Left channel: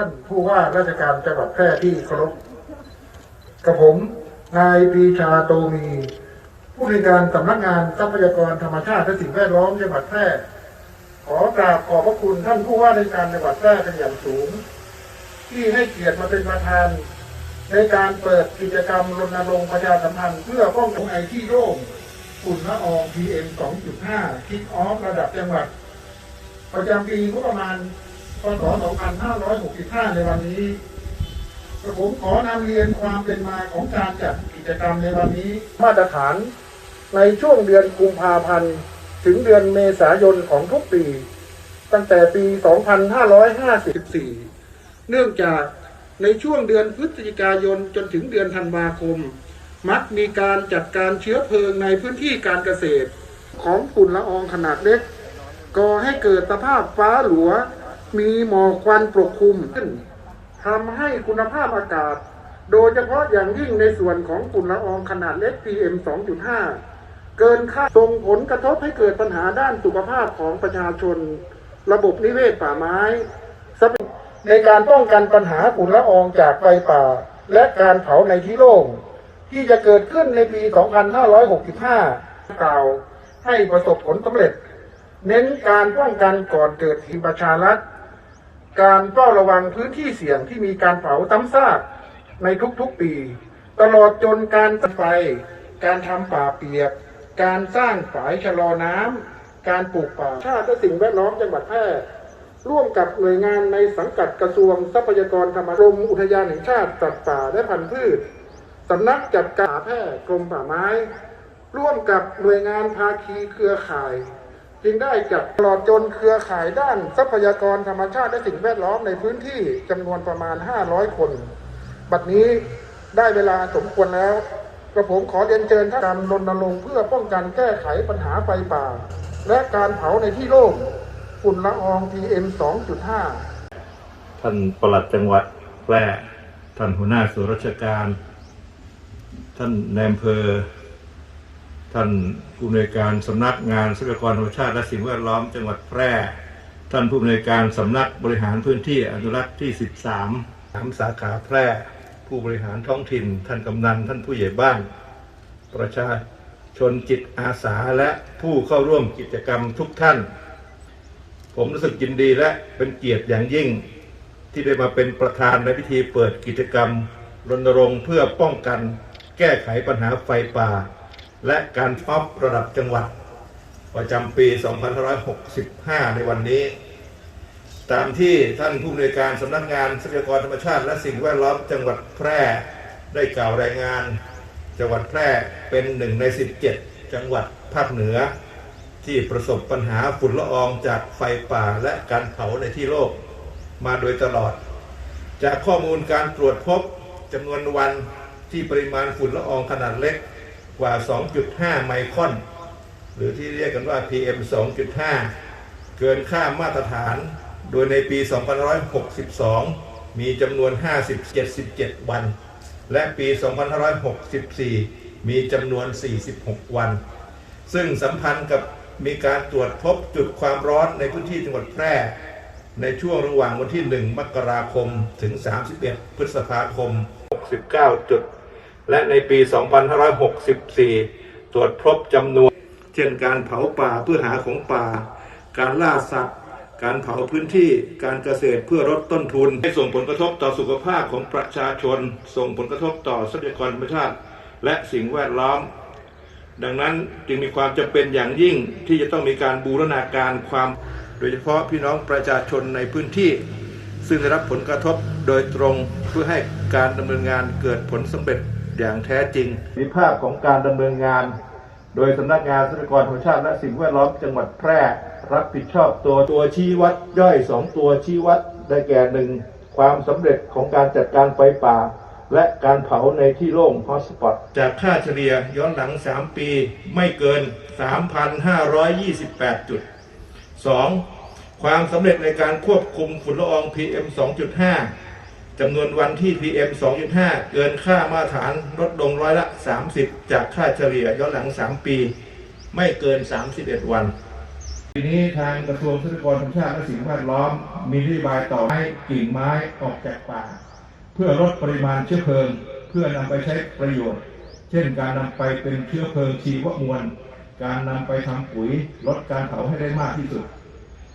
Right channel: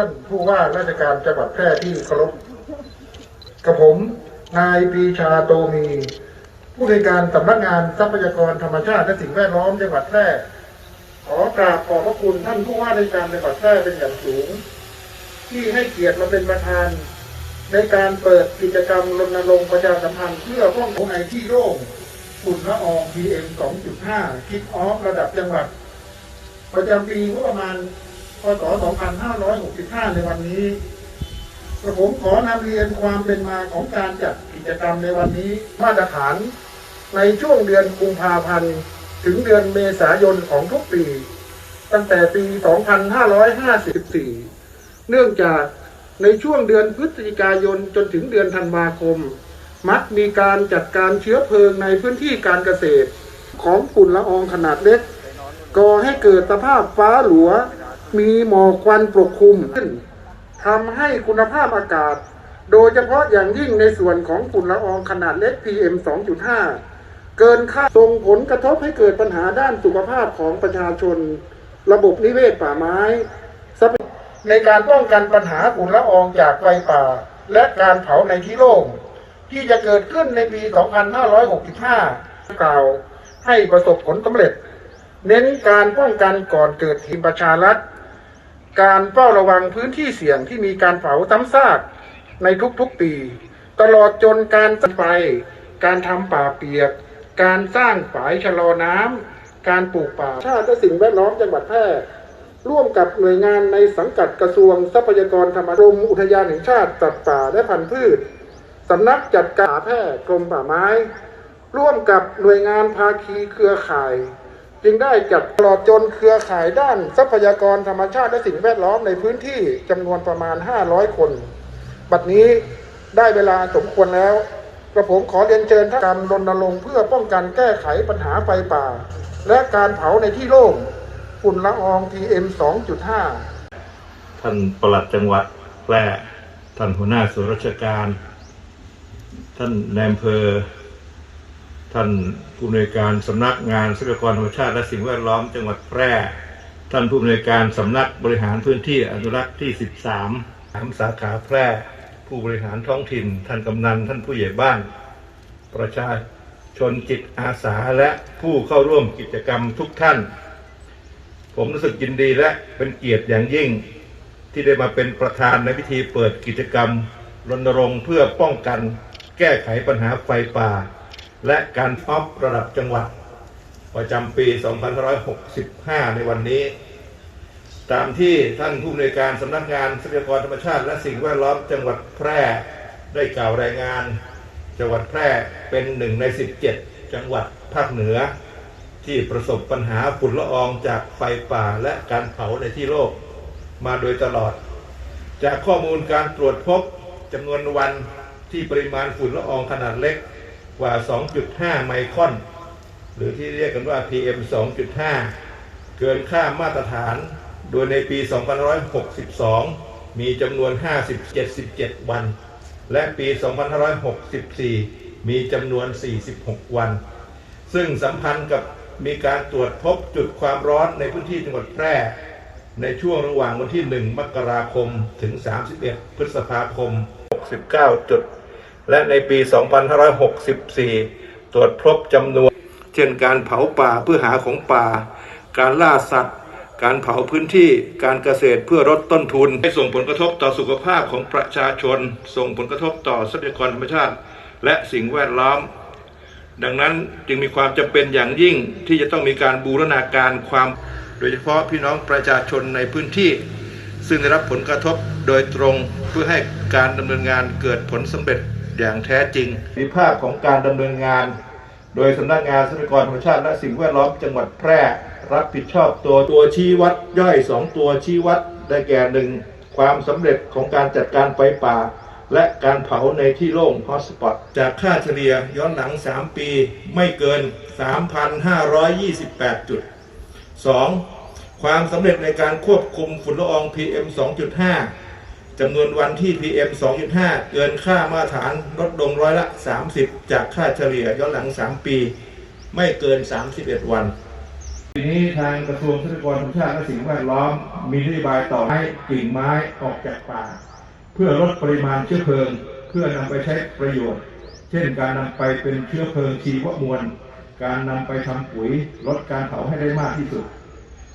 ท่านผู้ว่าราชการจังหวัดแพร่ที่เคารพกับผม นายปีชาโตมี ผู้ในการสำนักงานทรัพยากรธรรมชาติและสิ่งแวดล้อมจังหวัดแพร่ขอกราบขอบพระคุณท่านผู้ว่าราชการจังหวัดแพร่เป็นอย่างสูง ที่ให้เกียรติมาเป็นประธาน ในการเปิดกิจกรรมรณรงค์ประชาสัมพันธ์เพื่อป้องกันในที่โล่งฝุ่นละออง PM 2.5 คิดออฟระดับจังหวัด ประจำปีงบประมาณ พศ 2565 ในวันนี้กระผมขอนำเรียนความเป็นมาของการจัดกิจกรรมในวันนี้มาตรฐาน ในช่วงเดือนกุมภาพันธ์ ถึงเดือนเมษายนของทุกปี ตั้งแต่ปี 2554 เนื่องจากในช่วงเดือนพฤศจิกายนจนถึงเดือนธันวาคม มักมีการจัดการเชื้อเพลิงในพื้นที่การเกษตร ของฝุ่นละอองขนาดเล็กก่อให้เกิดสภาพฟ้าหลัว มีหมอกควันปกคลุมขึ้นทำให้คุณภาพอากาศ โดยเฉพาะอย่างยิ่งในส่วนของฝุ่นละอองขนาดเล็ก PM 2.5 เกินค่าส่งผลกระทบให้เกิดปัญหาด้านสุขภาพของประชาชน ระบบนิเวศป่าไม้ในการป้องกันปัญหาฝุ่นละอองจากไฟป่า และการเผาในที่โล่งที่จะเกิดขึ้นในปี 2565 กล่าวให้ประสบผลสำเร็จ เน้นการป้องกันก่อนเกิดเหตุประชารัฐ การเฝ้าระวังพื้นที่เสี่ยงที่มีการเผาซ้ำซากในทุกๆปี ตลอดจนการตัดไฟการทำป่าเปียก การสร้างฝายชะลอน้ำการปลูกป่าชาติและสิ่งแวดล้อมจังหวัดแพร่ร่วมกับหน่วยงานในสังกัดกระทรวงทรัพยากรธรรมชาติกรมอุทยานแห่งชาติสัตว์ป่าและพันธุ์พืชสำนักจัดการแพร่กรมป่าไม้ ร่วมกับหน่วยงานภาคีเครือข่าย จึงได้จัดตลอดจนเครือข่ายด้านทรัพยากรธรรมชาติและสิ่งแวดล้อมในพื้นที่จำนวนประมาณ 500 คน บัดนี้ได้เวลาสมควรแล้วกระผมขอเรียนเชิญท่านการรณรงค์เพื่อป้องกันแก้ไขปัญหาไฟป่า และการเผาในที่โล่งฝุ่นละออง PM 2.5 ท่านปลัดจังหวัดแพร่ท่านหัวหน้าส่วนราชการ ท่านนายอำเภอ ท่านผู้อำนวยการสำนักงานทรัพยากรธรรมชาติและสิ่งแวดล้อมจังหวัดแพร่ ท่านผู้อำนวยการสำนักบริหารพื้นที่อนุรักษ์ที่ 13สามสาขาแพร่ ผู้บริหารท้องถิ่น ท่านกำนัน ท่านผู้ใหญ่บ้าน ประชาชนจิตอาสาและผู้เข้าร่วมกิจกรรมทุกท่าน ผมรู้สึกยินดีและเป็นเกียรติอย่างยิ่ง ที่ได้มาเป็นประธานในพิธีเปิดกิจกรรมรณรงค์เพื่อป้องกัน แก้ไขปัญหาไฟป่า และการฟอบระดับจังหวัด ประจำปี 2565 ในวันนี้ ตามที่ท่านผู้อำนวยการสำนักงานทรัพยากรธรรมชาติ และสิ่งแวดล้อมจังหวัดแพร่ได้กล่าวรายงาน จังหวัดแพร่เป็นหนึ่งใน 17 จังหวัดภาคเหนือ ที่ประสบปัญหาฝุ่นละอองจากไฟป่าและการเผาในที่โลกมาโดยตลอด จากข้อมูลการตรวจพบจำนวนวันที่ปริมาณฝุ่นละอองขนาดเล็ก กว่า 2.5 ไมครอน หรือที่เรียกกันว่า PM 2.5 เกินค่ามาตรฐาน โดยในปี 2562 มีจำนวน 50-77 วัน และปี 2564 มีจำนวน 46 วัน ซึ่งสัมพันธ์กับมีการตรวจพบจุดความร้อนในพื้นที่จังหวัดแพร่ ในช่วงระหว่างวันที่ 1 มกราคม ถึง 31 พฤษภาคม 69จุด และในปี 2564 ตรวจพบจำนวน เช่นการเผาป่าเพื่อหาของป่า การล่าสัตว์ การเผาพื้นที่การเกษตรเพื่อลดต้นทุนให้ส่งผลกระทบต่อสุขภาพของประชาชน ส่งผลกระทบต่อทรัพยากรธรรมชาติ และสิ่งแวดล้อม ดังนั้นจึงมีความจำเป็นอย่างยิ่งที่จะต้องมีการบูรณาการความ โดยเฉพาะพี่น้องประชาชนในพื้นที่ซึ่งได้รับผลกระทบโดยตรงเพื่อให้การดำเนินงานเกิดผลสำเร็จ อย่างแท้จริงมีภาพของการดำเนินงาน โดยสำนักงานทรัพยากรธรรมชาติและสิ่งแวดล้อมจังหวัดแพร่รับผิดชอบตัวตัวชี้วัดย่อย 2 ตัวชี้วัดได้แก่หนึ่งความสำเร็จของการจัดการไฟป่า และการเผาในที่โล่งฮอสปอตจากค่าเฉลี่ยย้อนหลัง 3 ปีไม่เกิน 3,528 จุด 2. ความสำเร็จในการควบคุมฝุ่นละออง PM 2.5 จำนวนวันที่ PM 2.5 เกินค่ามาตรฐานลดลงร้อยละ 30 จากค่าเฉลี่ยย้อนหลัง 3 ปี ไม่เกิน 31 วันทีนี้ทางกระทรวงทรัพยากรธรรมชาติและสิ่งแวดล้อม มีนโยบายต่อให้กิ่งไม้ออกจากป่า เพื่อลดปริมาณเชื้อเพลิง เพื่อนำไปใช้ประโยชน์ เช่นการนำไปเป็นเชื้อเพลิงชีวมวล การนำไปทำปุ๋ยลดการเผาให้ได้มากที่สุด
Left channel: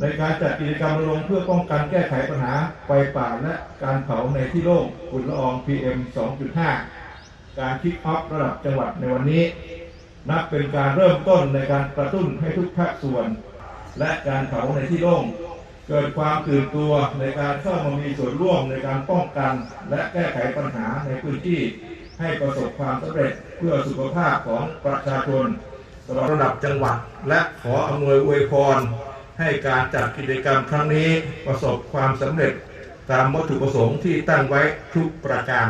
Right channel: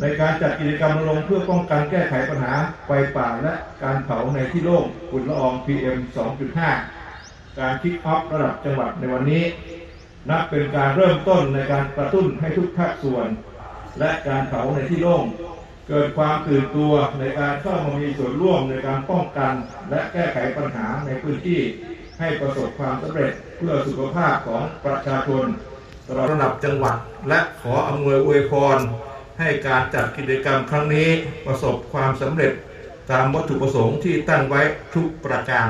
ในการจัดกิจกรรมรณรงค์เพื่อป้องกันแก้ไขปัญหาไฟป่าและการเผาในที่โล่งฝุ่นละออง PM 2.5 การคิดออฟระดับจังหวัดในวันนี้ นับเป็นการเริ่มต้นในการกระตุ้นให้ทุกภาคส่วน และการเผาในที่โล่งเกิดความตื่นตัวในการเข้ามามีส่วนร่วมในการป้องกัน และแก้ไขปัญหาในพื้นที่ ให้ประสบความสำเร็จเพื่อสุขภาพของประชาชนระดับจังหวัดและขออำนวยอวยพร ให้การจัดกิจกรรมครั้งนี้ประสบความสำเร็จตามวัตถุประสงค์ที่ตั้งไว้ทุกประการ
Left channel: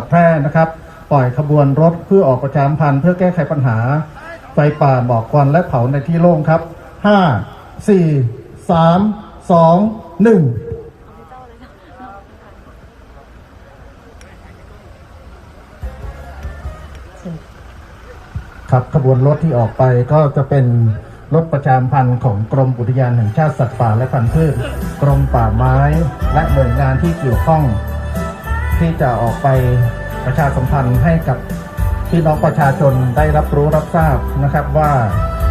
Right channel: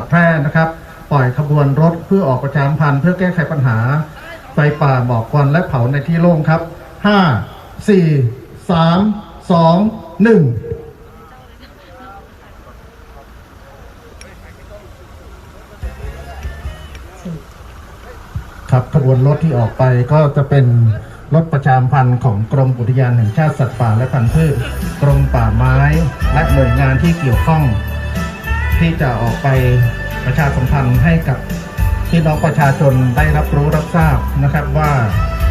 ดแพร่นะครับ ปล่อยขบวนรถเพื่อออกประชามพันธ์เพื่อแก้ไขปัญหา ไฟป่าหมอกควันและเผาในที่โล่งครับ 5 4 3 2 1ครับขบวนรถที่ออกไปก็จะเป็นรถประชามพันธ์ของกรมอุทยานแห่งชาติสัตว์ป่าและพันธุ์พืช กรมป่าไม้ และหน่วยงานที่เกี่ยวข้อง ที่จะออกไปประชาสัมพันธ์ให้กับพี่น้องประชาชนได้รับรู้รับทราบนะครับว่า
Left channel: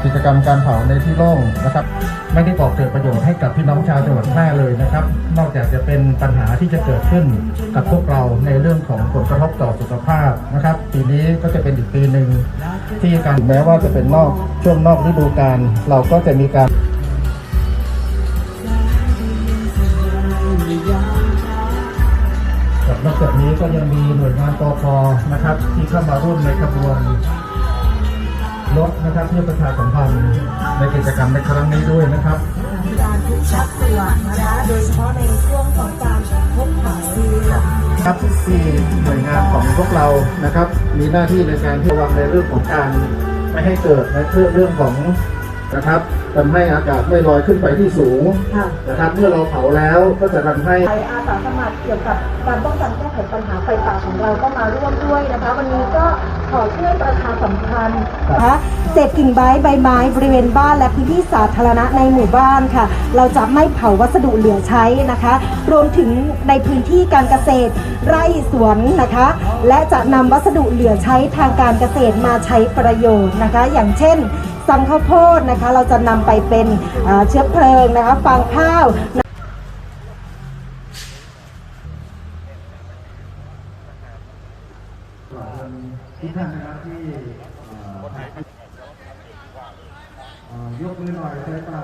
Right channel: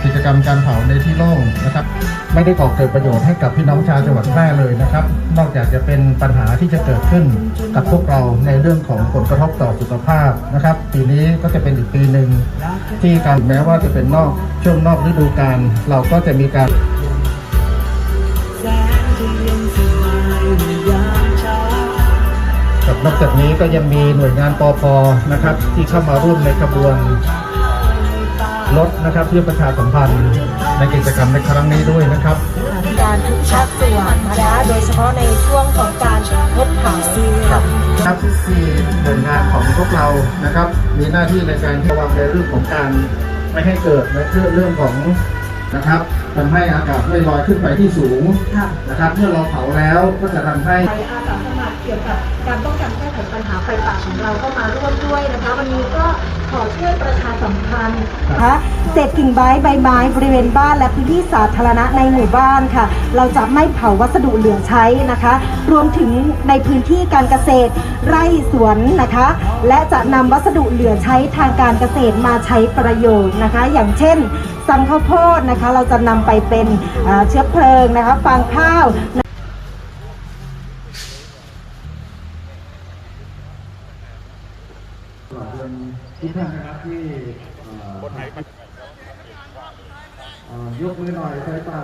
กิจกรรมการเผาในที่โล่งนะครับ ไม่ได้ก่อเกิดประโยชน์ให้กับพี่น้องชาวจังหวัดแพร่เลยนะครับ นอกจากจะเป็นปัญหาที่จะเกิดขึ้นกับพวกเราในเรื่องของผลกระทบต่อสุขภาพนะครับ ปีนี้ก็จะเป็นอีกปีหนึ่งที่การแม้ว่าจะเป็นนอกช่วงนอกฤดูกาลเราก็จะมีการ นอกจากนี้ก็ยังมีหน่วยงานปอพนะครับ ที่เข้ามาร่วมในขบวนรถนะครับเพื่อประชาสัมพันธ์ในกิจกรรมในครั้งนี้ด้วยนะครับการทุกภาคส่วนนะคะโดยเฉพาะในช่วงของการงดเผาค่ะครับที่หน่วยงานของพวกเรานะครับ มีหน้าที่ในการที่วางในเรื่องของการไม่ให้เกิดในเรื่องของนะครับทำให้อากาศไม่ลอยขึ้นไปที่สูงค่ะนะครับ เมื่อเราเผาแล้วก็จะทำให้ กี่ยวกับการป้องกันแก้ไขปัญหาไฟป่าของเราก็มาร่วมด้วยนะคะ วันนี้ก็ขอช่วยประชาสัมพันธ์นะคะเศษกิ่งไม้ใบไม้บริเวณบ้านและพื้นที่สาธารณะในหมู่บ้านค่ะ เราจะไม่เผาวัสดุเหลือใช้นะคะ รวมถึงในพื้นที่การเกษตร ไร่สวนนะคะ และจะนำวัสดุเหลือใช้ทางการเกษตรมาใช้ประโยชน์นะคะ อย่างเช่นสังข้าวโพดนะคะ เราจะนำไปเป็นเชื้อเพลิงนะคะฟางข้าว ยกมือหน่อยใช่ป่ะ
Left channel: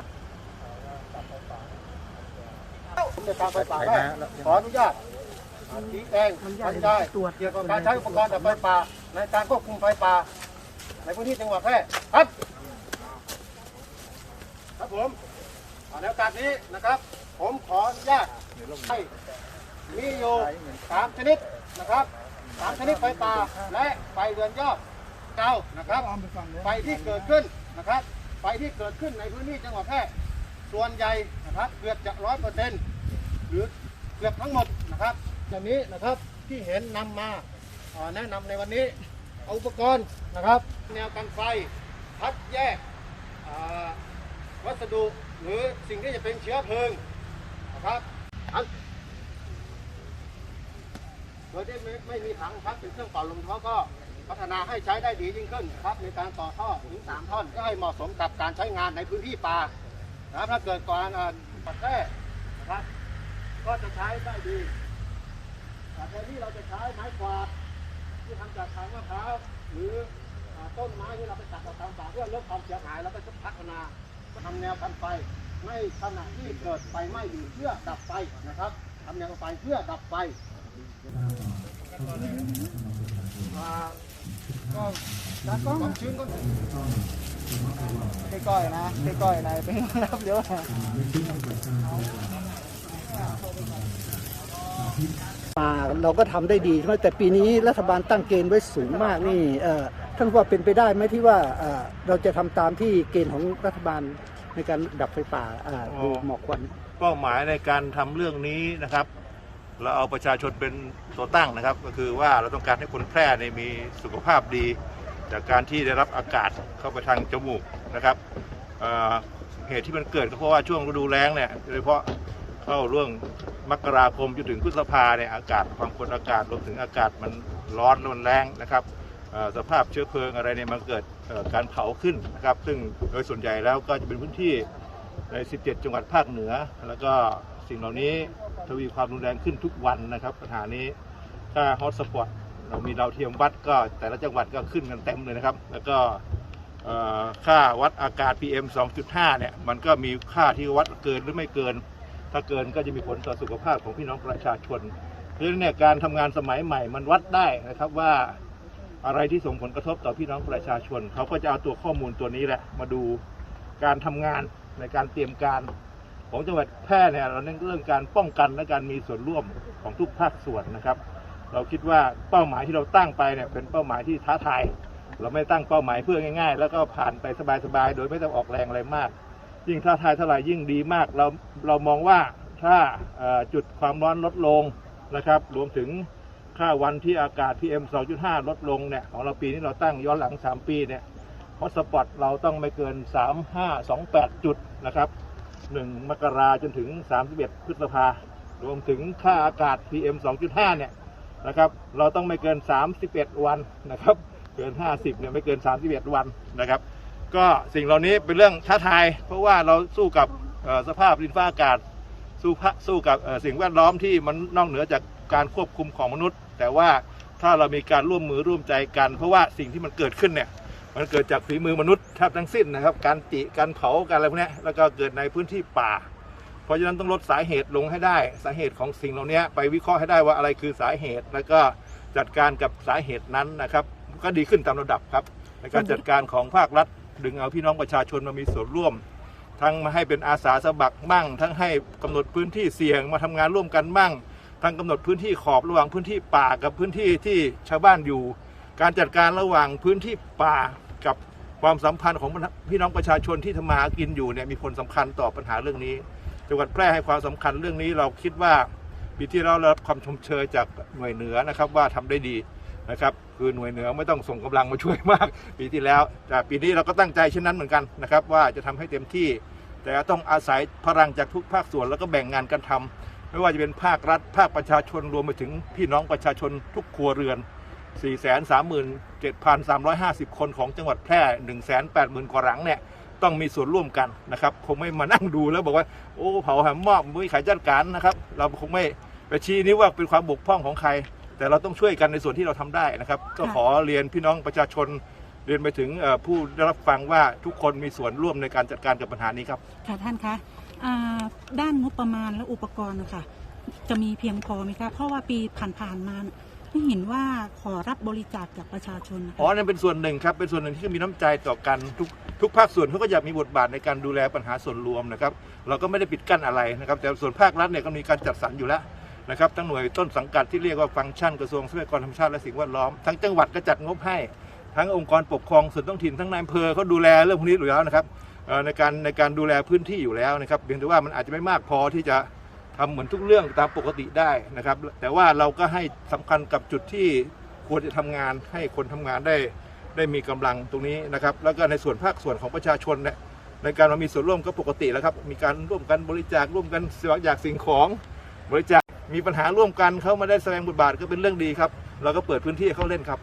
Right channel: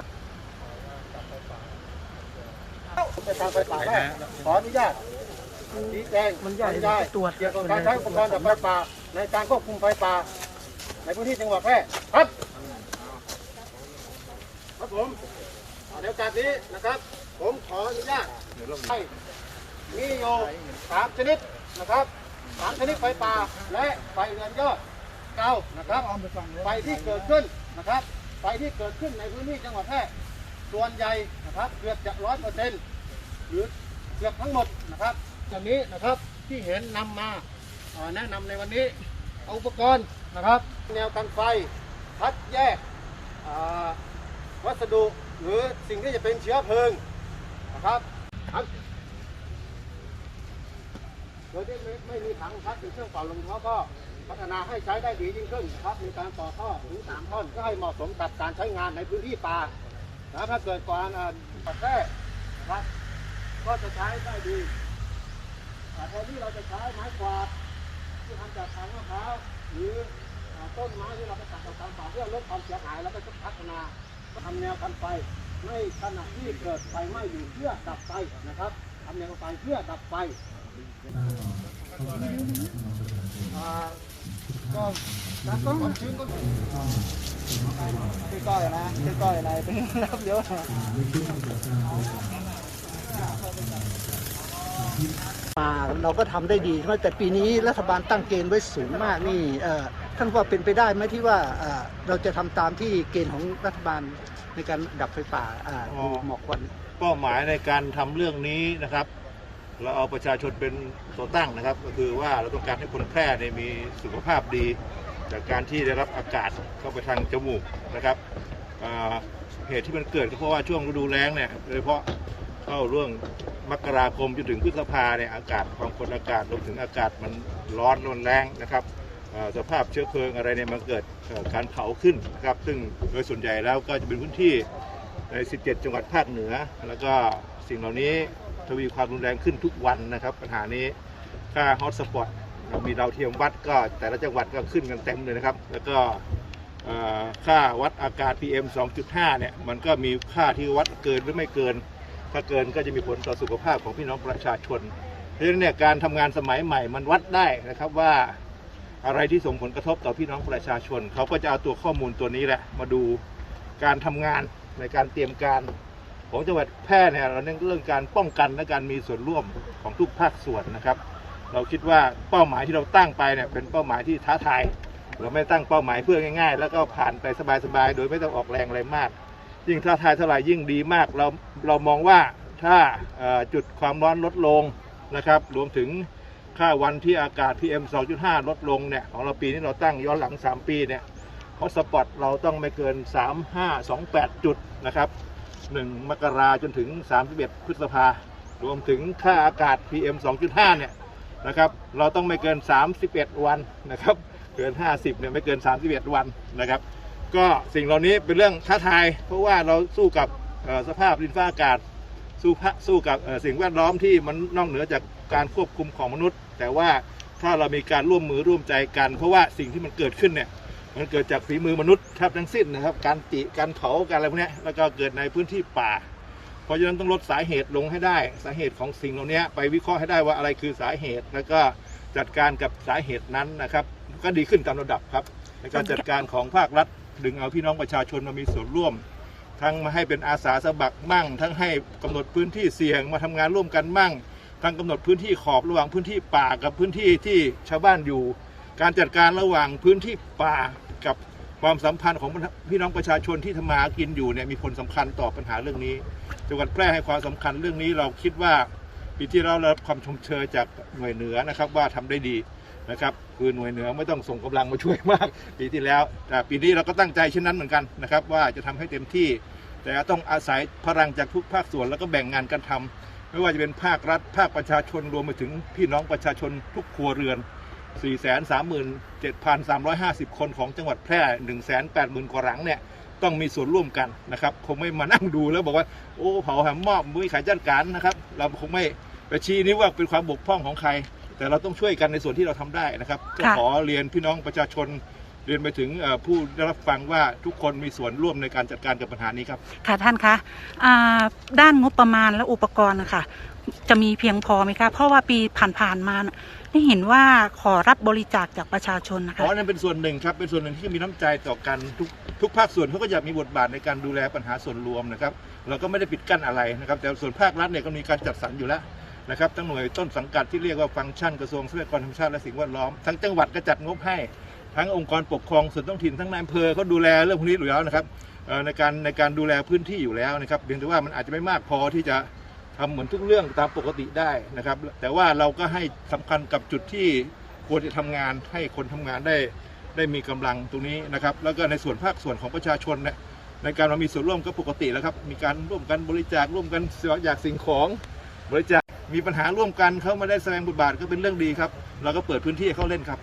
ผมจะทางไฟป่าได้ขออนุญาตชี้แจงบรรยายเกี่ยวกับการใช้อุปกรณ์ดับไฟป่า ในการควบคุมไฟป่า ในพื้นที่จังหวัดแพร่ครับ ครับผมเอาในโอกาสนี้นะครับ ผมขออนุญาตให้มีอยู่สามชนิดนะครับสามชนิดไฟป่าและไฟเรือนยอด เก่านะครับ ไฟที่เกิดขึ้นนะครับ ไฟที่เกิดขึ้นในพื้นที่จังหวัดแพร่ส่วนใหญ่นะครับเกือบจะร้อยเปอร์เซ็นต์หรือเกือบทั้งหมดนะครับจากนี้นะครับที่เห็นนำมาอ่าแนะนำในวันนี้เอาอุปกรณ์นะครับ แนวกันไฟคัดแยกวัสดุหรือสิ่งที่จะเป็นเชื้อเพลิงนะครับอันโดยที่ไม่ไม่มีถังพักเป็นเครื่องเป่าลมเขาก็ พัฒนาให้ใช้ได้ดียิ่งขึ้นครับในการต่อท่อถึงสามท่อนก็ให้เหมาะสมกับการใช้งานในพื้นที่ป่านะครับถ้าเกิดการอ่าตัดแท้นะครับก็จะใช้ได้ดีแต่ทนที่เราจะใช้ไม้กวาดที่ทำจากทางมะพร้าวหรือต้นไม้ที่เราไปตัดออกตามป่าเพื่อลดความเสียหายแล้วก็พัฒนาทำแนวกันไฟในขณะที่เกิดไฟไหม้อยู่เพื่อดับไฟนะครับทำอย่างไรเพื่อดับไฟ ก้อยนะก้อยนะเป็นรับเดี๋ยวนะมาเราก็ทำได้ดีใช่ไหมแต่ปีนี้รัฐบาลตั้งเกณฑ์ไว้สูงมากนี่เออท่านว่าเป็นไปได้ไหมที่ว่าเราจะทำตามที่เกณฑ์ของรัฐบาลในการดับไฟป่าอ่ออ๋อหมอกควันเป้าหมายในการทำเรื่องนี้นะครับ เราเอาประชาชนเป็นตัวตั้งนะครับ ก็คือว่าเราต้องการให้คนแพร่เนี่ยมีสุขภาพดี จากการที่ได้รับอากาศเข้าไปทางจมูกนะครับเหตุที่มันเกิดก็เพราะว่าช่วงฤดูแล้งเนี่ยโดยเฉพาะเข้าเรื่องมกราคมจนถึงพฤษภาเนี่ยอากาศความกดอากาศรวมถึงอากาศมันร้อนมันแรงนะครับสภาพเชื้อเพลิงอะไรเนี่ยมันเกิดการเผาขึ้นนะครับ ซึ่งโดยส่วนใหญ่แล้วก็จะเป็นพื้นที่ใน 17 จังหวัดภาคเหนือ แล้วก็สิ่งเหล่านี้ ทวีความรุนแรงขึ้นทุกวันนะครับ ปัญหานี้ค่าฮอตสปอตเรามีดาวเทียมวัดก็แต่ละจังหวัดก็ขึ้นกันเต็มเลยนะครับ แล้วก็ค่าวัดอากาศ PM 2.5 เนี่ย มันก็มีค่าที่วัดเกินหรือไม่เกิน ถ้าเกินก็จะมีผลต่อสุขภาพของพี่น้องประชาชนเพราะฉะนั้นเนี่ยการทำงานสมัยใหม่มันวัดได้นะครับว่าอะไรที่ส่งผลกระทบต่อพี่น้องประชาชน เขาก็จะเอาตัวข้อมูลตัวนี้แหละ มาดูการทำงานในการเตรียมการ ของจังหวัดแพร่เนี่ยเราเน้นเรื่องการป้องกันและการมีส่วนร่วมของทุกภาคส่วนนะครับ เราคิดว่าเป้าหมายที่เราตั้งไปเนี่ยเป็นเป้าหมายที่ท้าทายเราไม่ตั้งเป้าหมายเพื่อง่าย ๆ แล้วก็ผ่านไปสบายๆโดยไม่ต้องออกแรงอะไรมาก ยิ่งท้าทายเท่าไหร่ยิ่งดีมากเราเรามองว่าถ้าจุดความร้อนลดลงนะครับ รวมถึงค่าวันที่อากาศ PM 2.5 ลดลงเนี่ยของเราปีนี้เราตั้งย้อนหลัง 3 ปีเนี่ยฮอตสปอตเราต้องไม่เกิน 3528 จุดนะครับ 1 มกราจนถึง 31 พฤษภารวมถึงค่าอากาศ PM 2.5 เนี่ยนะครับ เราต้องไม่เกิน 31 วันนะครับ เกิน 50 เนี่ยไม่เกิน 31 วันนะครับ ก็สิ่งเหล่านี้เป็นเรื่องท้าทาย เพราะว่าเราสู้กับสภาพดินฟ้าอากาศ สู้พะสู้กับสิ่งแวดล้อมที่มันนอกเหนือจากการควบคุมของมนุษย์ แต่ว่าถ้าเรามีการร่วมมือร่วมใจกัน เพราะว่าสิ่งที่มันเกิดขึ้นเนี่ย มันเกิดจากฝีมือมนุษย์แทบทั้งสิ้นนะครับ การติการเผาการอะไรพวกนี้แล้วก็เกิดในพื้นที่ป่า เพราะฉะนั้นต้องลดสาเหตุลงให้ได้ สาเหตุของสิ่งเหล่านี้ไปวิเคราะห์ให้ได้ว่าอะไรคือสาเหตุ แล้วก็จัดการกับสาเหตุนั้นนะครับ ก็ดีขึ้นตามระดับครับในการจัดการของภาครัฐ ดึงเอาพี่น้องประชาชนมามีส่วนร่วม ทั้งมาให้เป็นอาสาสมัครมั่ง ทั้งให้กำหนดพื้นที่เสี่ยงมาทำงานร่วมกันมั่ง ทั้งกำหนดพื้นที่ขอบระหว่างพื้นที่ป่ากับพื้นที่ที่ชาวบ้านอยู่ การจัดการระหว่างพื้นที่ป่า กับความสัมพันธ์ของพี่น้องประชาชนที่ทำมาหากินอยู่เนี่ยมีผลสำคัญต่อปัญหาเรื่องนี้ จังหวัดแพร่ให้ความสำคัญเรื่องนี้เราคิดว่าปีที่เราได้รับความชมเชยจากหน่วยเหนือนะครับว่าทำได้ดีนะครับคือหน่วยเหนือไม่ต้องส่งกำลังมาช่วยมาก ปีที่แล้ว แต่ปีนี้เราก็ตั้งใจเช่นนั้นเหมือนกันนะครับว่าจะทำให้เต็มที่ แต่ต้องอาศัยพลังจากทุกภาคส่วนแล้วก็แบ่งงานกันทำไม่ว่าจะเป็นภาครัฐ ภาคประชาชนรวมไปถึงพี่น้องประชาชนทุกครัวเรือน 437,350 คนของจังหวัดแพร่ 180,000 กว่าหลังเนี่ยต้องมีส่วนร่วมกันนะครับ คงไม่มานั่งดูแล้วบอกว่า โอ้เผาแหมมอบมือขายจัดการนะครับ เราคงไม่ไปชี้นิ้วว่าเป็นความบกพร่องของใคร แต่เราต้องช่วยกันในส่วนที่เราทำได้นะครับ ก็ค่ะขอเรียนพี่น้องประชาชนเรียนไปถึงเอ่อผู้ได้รับฟังว่าทุกคนมีส่วนร่วมในการจัดการกับปัญหานี้ครับ ค่ะท่านคะอ่าด้านงบประมาณและอุปกรณ์นะคะจะมีเพียงพอไหมคะ เพราะว่าปีผ่านๆมาน่ะ ได้เห็นว่าขอรับบริจาคจากประชาชนนะคะ อ๋อนั่นเป็นส่วนหนึ่งครับ เป็นส่วนหนึ่งที่มีน้ำใจต่อกันทุกทุกภาคส่วนเขาก็อยากมีบทบาทในการดูแลปัญหาส่วนรวมนะครับ เราก็ไม่ได้ปิดกั้นอะไรนะครับ แต่ส่วนภาครัฐเนี่ยก็มีการจัดสรรอยู่แล้วนะครับ ทั้งหน่วยต้นสังกัดที่เรียกว่าฟังก์ชันกระทรวงทรัพยากรธรรมชาติและสิ่งแวดล้อม ทั้งจังหวัดก็จัดงบให้ ทั้งองค์กรปกครองส่วนท้องถิ่น ทั้งนายอำเภอเขาดูแลเรื่องพวกนี้อยู่แล้วนะครับเอ่อในการในการดูแลพื้นที่อยู่แล้วนะครับ เพียงแต่ว่ามันอาจจะไม่มากพอที่จะ ทำเหมือนทุกเรื่องตามปกติได้นะครับ แต่ว่าเราก็ให้สำคัญกับจุดที่ควรจะทำงานให้คนทำงานได้ได้มีกำลังตรงนี้นะครับ แล้วก็ในส่วนภาคส่วนของประชาชนเนี่ยในการมามีส่วนร่วมก็ปกติแล้วครับ มีการร่วมกันบริจาคร่วมกันเสียอยากสิ่งของบริจาคมีปัญหาร่วมกันเขามาได้แสดงบทบาทก็เป็นเรื่องดีครับ เราก็เปิดพื้นที่ให้เขาเล่นครับ